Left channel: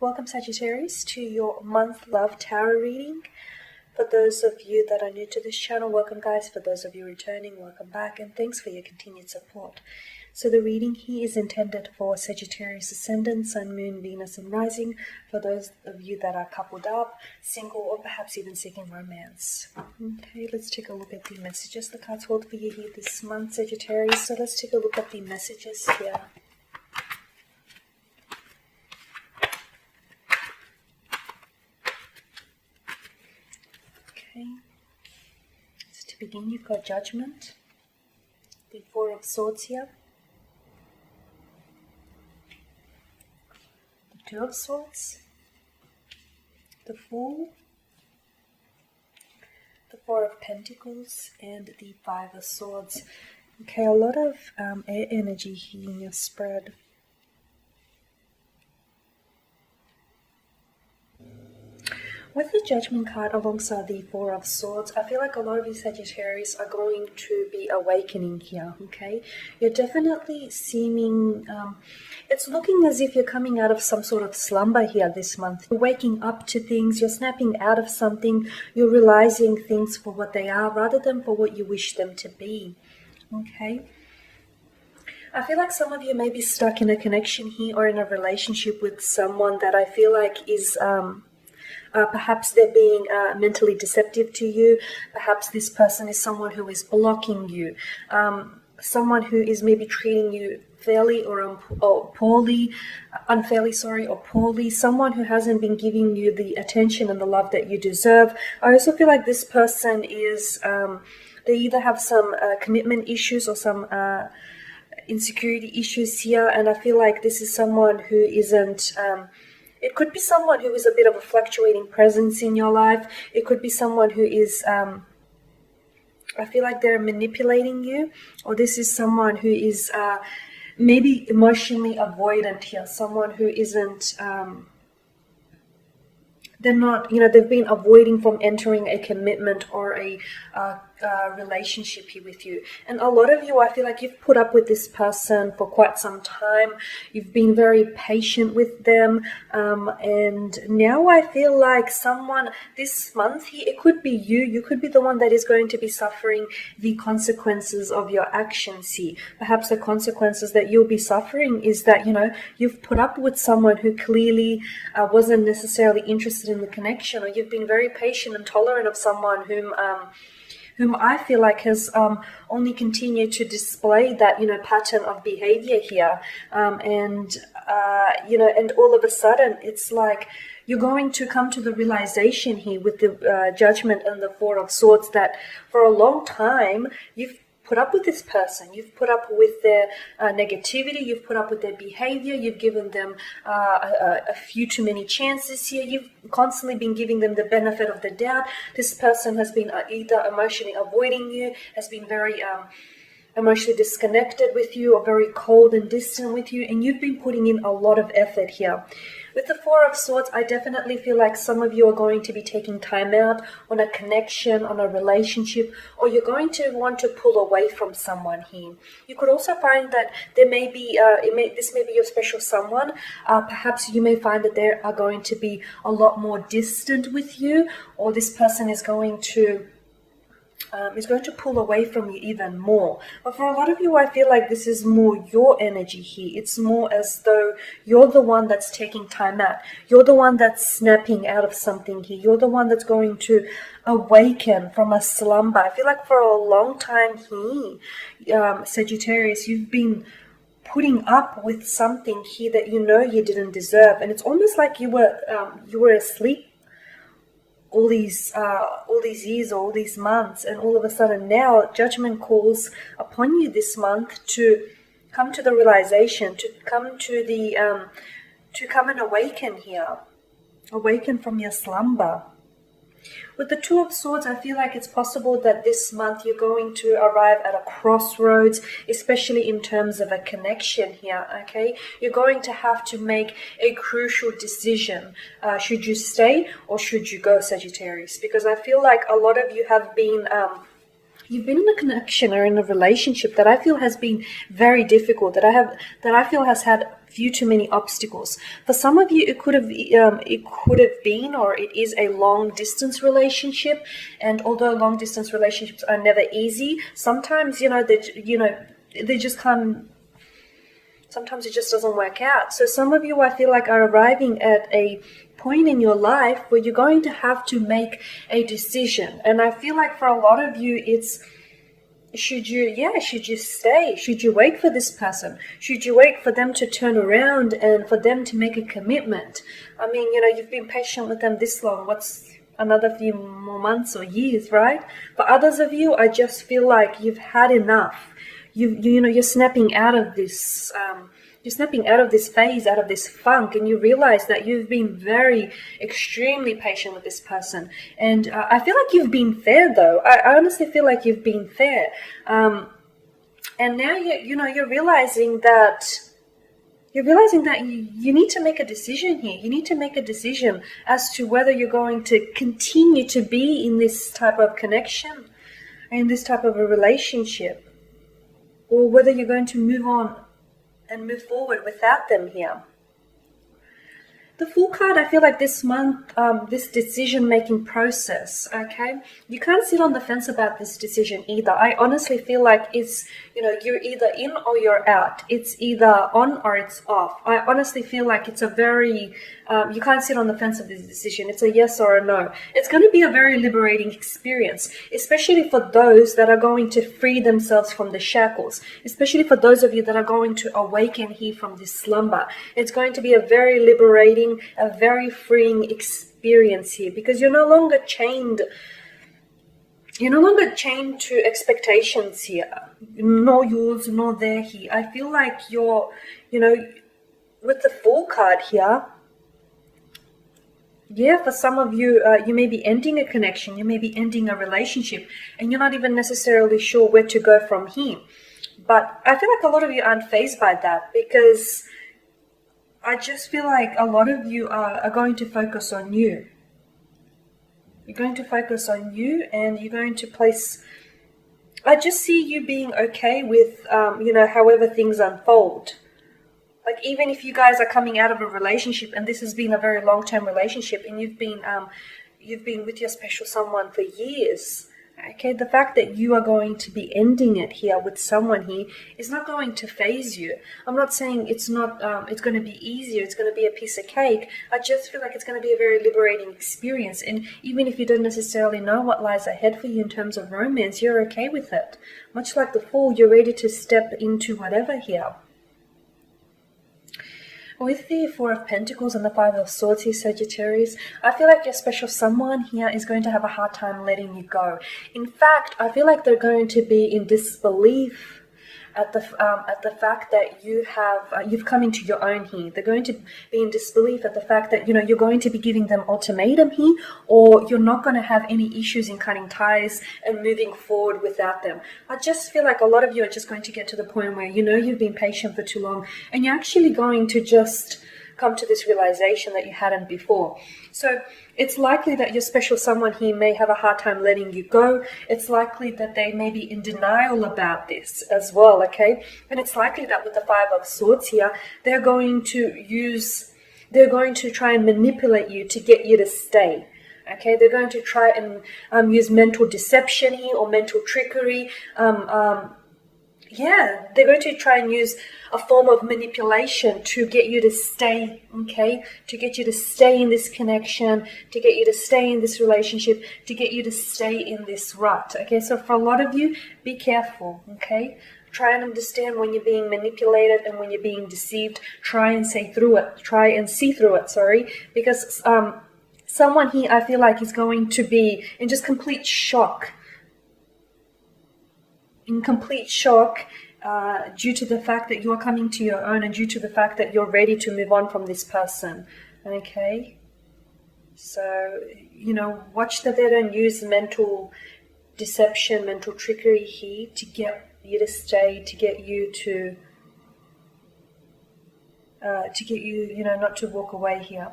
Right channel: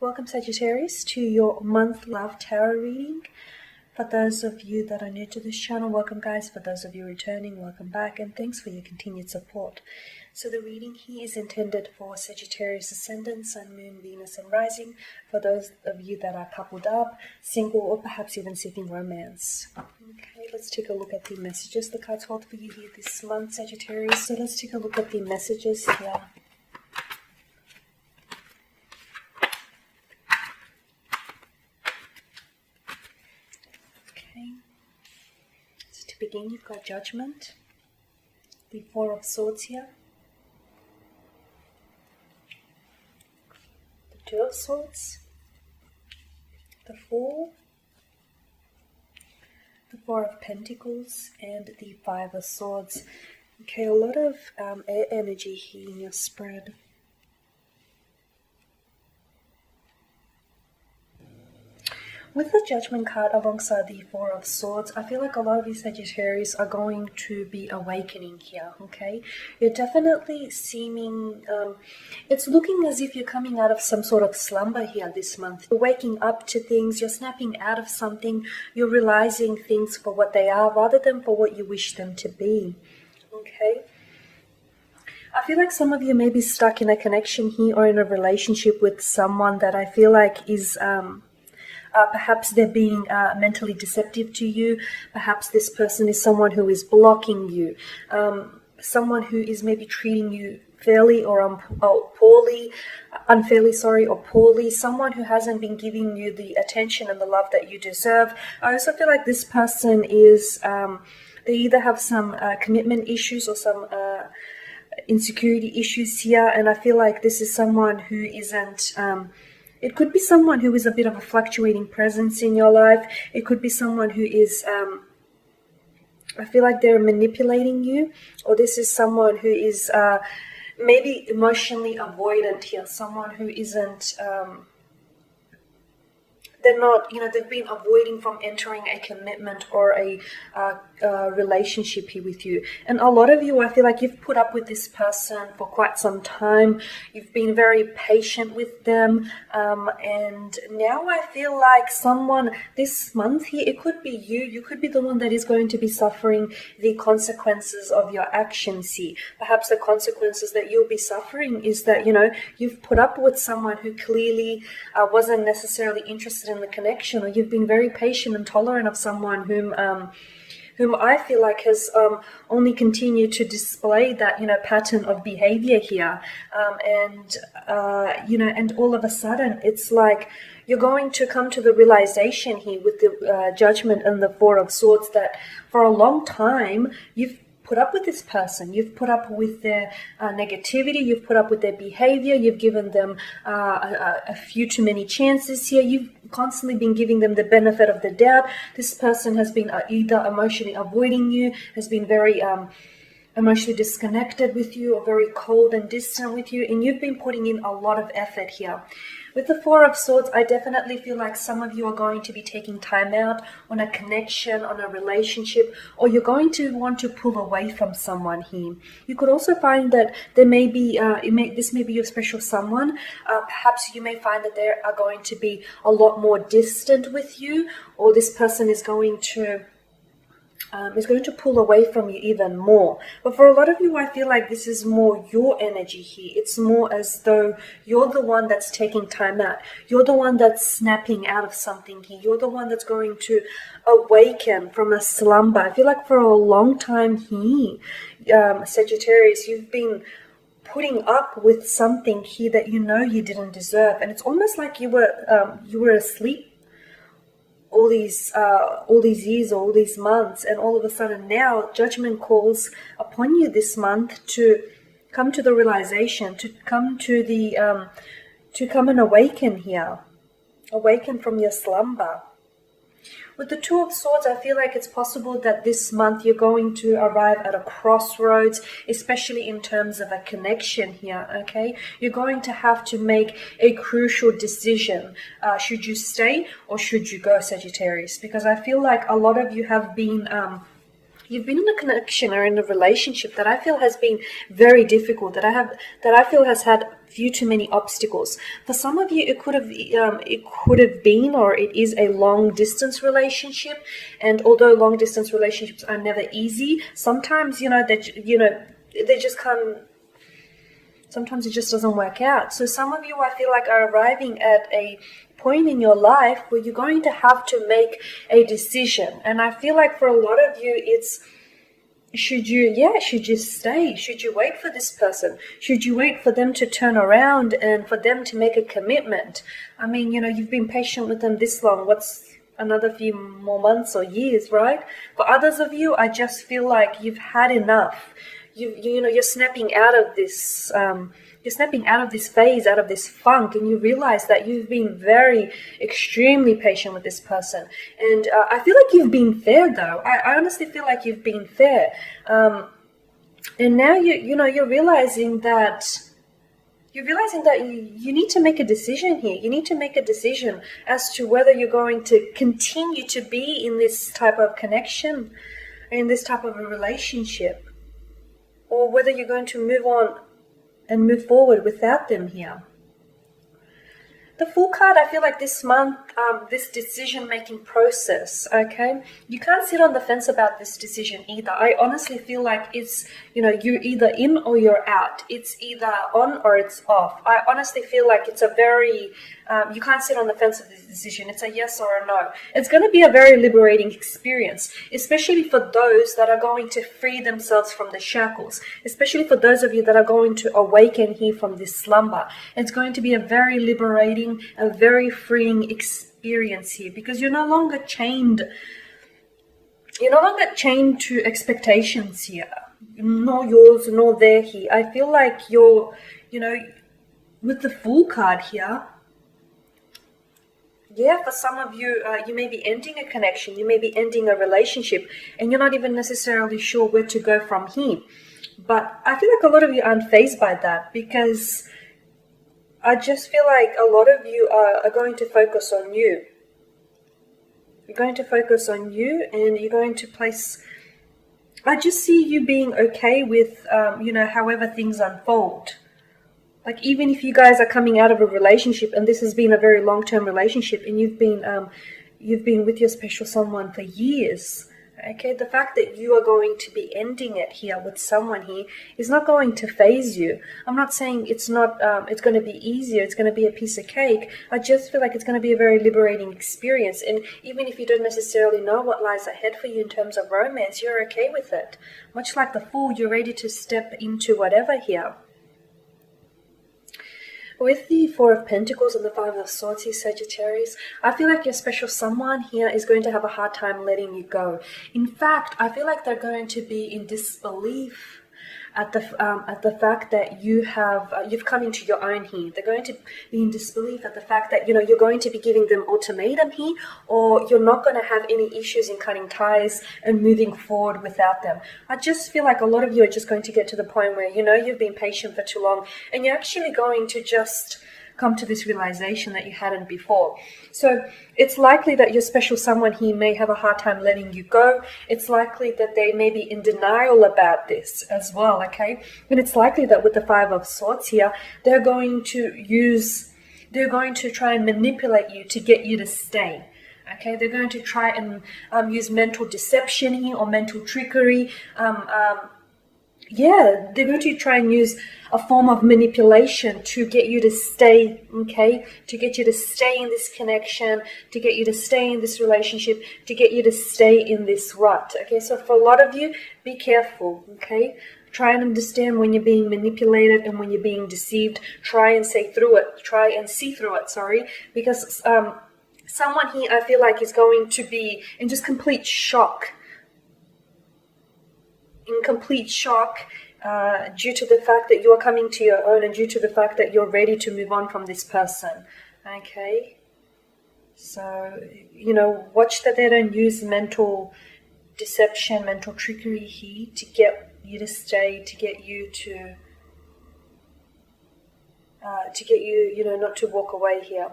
Welcome, Sagittarius, to your month love tarot reading. For those of you that are new to this channel, welcome guys. For those of you returning, welcome back, and thanks for your continued support. So the reading here is intended for Sagittarius Ascendant, Sun, Moon, Venus, and Rising. For those of you that are coupled up, single, or perhaps even seeking romance. Okay, let's take a look at the messages the cards hold for you here this month, Sagittarius. So let's take a look at the messages here. To begin, you've got Judgment, the Four of Swords here, the Two of Swords, the Fool, the Four of Pentacles, and the Five of Swords. Okay, a lot of air energy here in your spread. With the Judgment card alongside the Four of Swords, I feel like a lot of you Sagittarius are going to be awakening here, okay? You're definitely seeming, it's looking as if you're coming out of some sort of slumber here this month. You're waking up to things, you're snapping out of something, you're realizing things for what they are rather than for what you wish them to be, okay? I feel like some of you may be stuck in a connection here or in a relationship with someone that I feel like is... perhaps they're being mentally deceptive to you. Perhaps this person is someone who is blocking you. Someone who is maybe treating you fairly or poorly, unfairly, sorry, or poorly. Someone who hasn't been giving you the attention and the love that you deserve. I also feel like this person is, they either have some commitment issues or some insecurity issues here. And I feel like this is someone who isn't... it could be someone who is a bit of a fluctuating presence in your life. It could be someone who is, I feel like they're manipulating you. Or this is someone who is maybe emotionally avoidant here. Someone who isn't, they're not, they've been avoiding from entering a commitment or a relationship here with you. And a lot of you, I feel like you've put up with this person for quite some time. You've been very patient with them. And now I feel like someone this month here, it could be you. You could be the one that is going to be suffering the consequences of your actions here. Perhaps the consequences that you'll be suffering is that, you've put up with someone who clearly wasn't necessarily interested in the connection, or you've been very patient and tolerant of someone whom I feel like has only continued to display that, pattern of behavior here. And all of a sudden, it's like you're going to come to the realization here with the Judgment and the Four of Swords that for a long time, you've put up with this person. You've put up with their negativity. You've put up with their behavior. You've given them a few too many chances here. You've constantly been giving them the benefit of the doubt. This person has been either emotionally avoiding you, has been very emotionally disconnected with you, or very cold and distant with you, and you've been putting in a lot of effort here. With the Four of Swords, I definitely feel like some of you are going to be taking time out on a connection, on a relationship, or you're going to want to pull away from someone here. You could also find that there may be, this may be your special someone. Perhaps you may find that they are going to be a lot more distant with you, or this person is going to pull away from you even more. But for a lot of you, I feel like this is more your energy here. It's more as though you're the one that's taking time out. You're the one that's snapping out of something here. You're the one that's going to awaken from a slumber. I feel like for a long time here, Sagittarius, you've been putting up with something here that you didn't deserve. And it's almost like you were asleep all these years, all these months, and all of a sudden now Judgment calls upon you this month to come to the realization, to come to the to come and awaken here, awaken from your slumber. With the Two of Swords, I feel like it's possible that this month you're going to arrive at a crossroads, especially in terms of a connection here, okay? You're going to have to make a crucial decision. Should you stay or should you go, Sagittarius? Because I feel like a lot of you have been you've been in a connection or in a relationship that I feel has been very difficult, that I feel has had few too many obstacles. For some of you, it could have been, or it is, a long distance relationship. And although long distance relationships are never easy, sometimes they just come. Sometimes it just doesn't work out. So some of you, I feel like, are arriving at a point in your life where you're going to have to make a decision. And I feel like for a lot of you, it's, should you stay? Should you wait for this person? Should you wait for them to turn around and for them to make a commitment? I mean, you've been patient with them this long. What's another few more months or years, right? For others of you, I just feel like you've had enough. You're snapping out of this phase, out of this funk, and you realize that you've been extremely patient with this person. And I feel like you've been fair, though. I honestly feel like you've been fair. And now you're realizing that you need to make a decision here. You need to make a decision as to whether you're going to continue to be in this type of connection, in this type of a relationship, or whether you're going to move on and move forward without them here. The Fool card, I feel like this month, this decision-making process, okay? You can't sit on the fence about this decision either. I honestly feel like it's, you're either in or you're out. It's either on or it's off. I honestly feel like it's a very, you can't sit on the fence of this decision. It's a yes or a no. It's going to be a very liberating experience, especially for those that are going to free themselves from the shackles, especially for those of you that are going to awaken here from this slumber. It's going to be a very liberating, a very freeing experience here, because you're no longer chained to expectations here, nor yours nor their here. I feel like you're, with the Fool card here, yeah, for some of you, you may be ending a connection, you may be ending a relationship, and you're not even necessarily sure where to go from here. But I feel like a lot of you aren't fazed by that, because I just feel like a lot of you are going to focus on you. You're going to focus on you, and you're going to place... I just see you being okay with, however things unfold. Like, even if you guys are coming out of a relationship, and this has been a very long-term relationship, and you've been with your special someone for years, okay, the fact that you are going to be ending it here with someone here is not going to faze you. I'm not saying it's not, it's going to be easier, it's going to be a piece of cake. I just feel like it's going to be a very liberating experience. And even if you don't necessarily know what lies ahead for you in terms of romance, you're okay with it. Much like the Fool, you're ready to step into whatever here. With the Four of Pentacles and the Five of Swords here, Sagittarius, I feel like your special someone here is going to have a hard time letting you go. In fact, I feel like they're going to be in disbelief at the fact that you've come into your own here. They're going to be in disbelief at the fact that you're going to be giving them ultimatum here, or you're not going to have any issues in cutting ties and moving forward without them. I just feel like a lot of you are just going to get to the point where you've been patient for too long, and you're actually going to just come to this realization that you hadn't before. So it's likely that your special someone here may have a hard time letting you go. It's likely that they may be in denial about this as well, okay? And it's likely that with the Five of Swords here, they're going to try and manipulate you to get you to stay. Okay, they're going to try and use mental deception here, or mental trickery. Yeah, they're going to try and use a form of manipulation to get you to stay, okay? To get you to stay in this connection, to get you to stay in this relationship, to get you to stay in this rut, okay? So for a lot of you, be careful, okay? Try and understand when you're being manipulated and when you're being deceived. Try and see through it, sorry, because someone here, I feel like, is going to be in just complete shock. In complete shock due to the fact that you are coming to your own, and due to the fact that you're ready to move on from this person, okay? So, watch that they don't use mental deception, mental trickery here to get you to stay, to get you not to walk away here.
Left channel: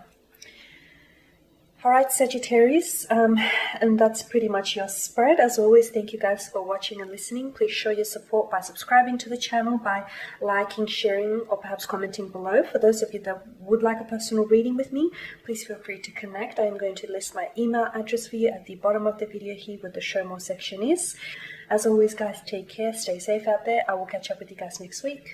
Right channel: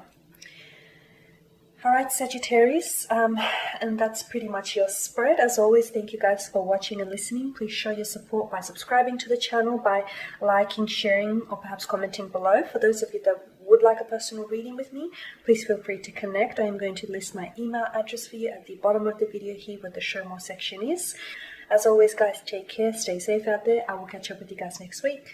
Alright, Sagittarius, and that's pretty much your spread. As always, thank you guys for watching and listening. Please show your support by subscribing to the channel, by liking, sharing, or perhaps commenting below. For those of you that would like a personal reading with me, please feel free to connect. I am going to list my email address for you at the bottom of the video here where the show more section is. As always, guys, take care, stay safe out there. I will catch up with you guys next week.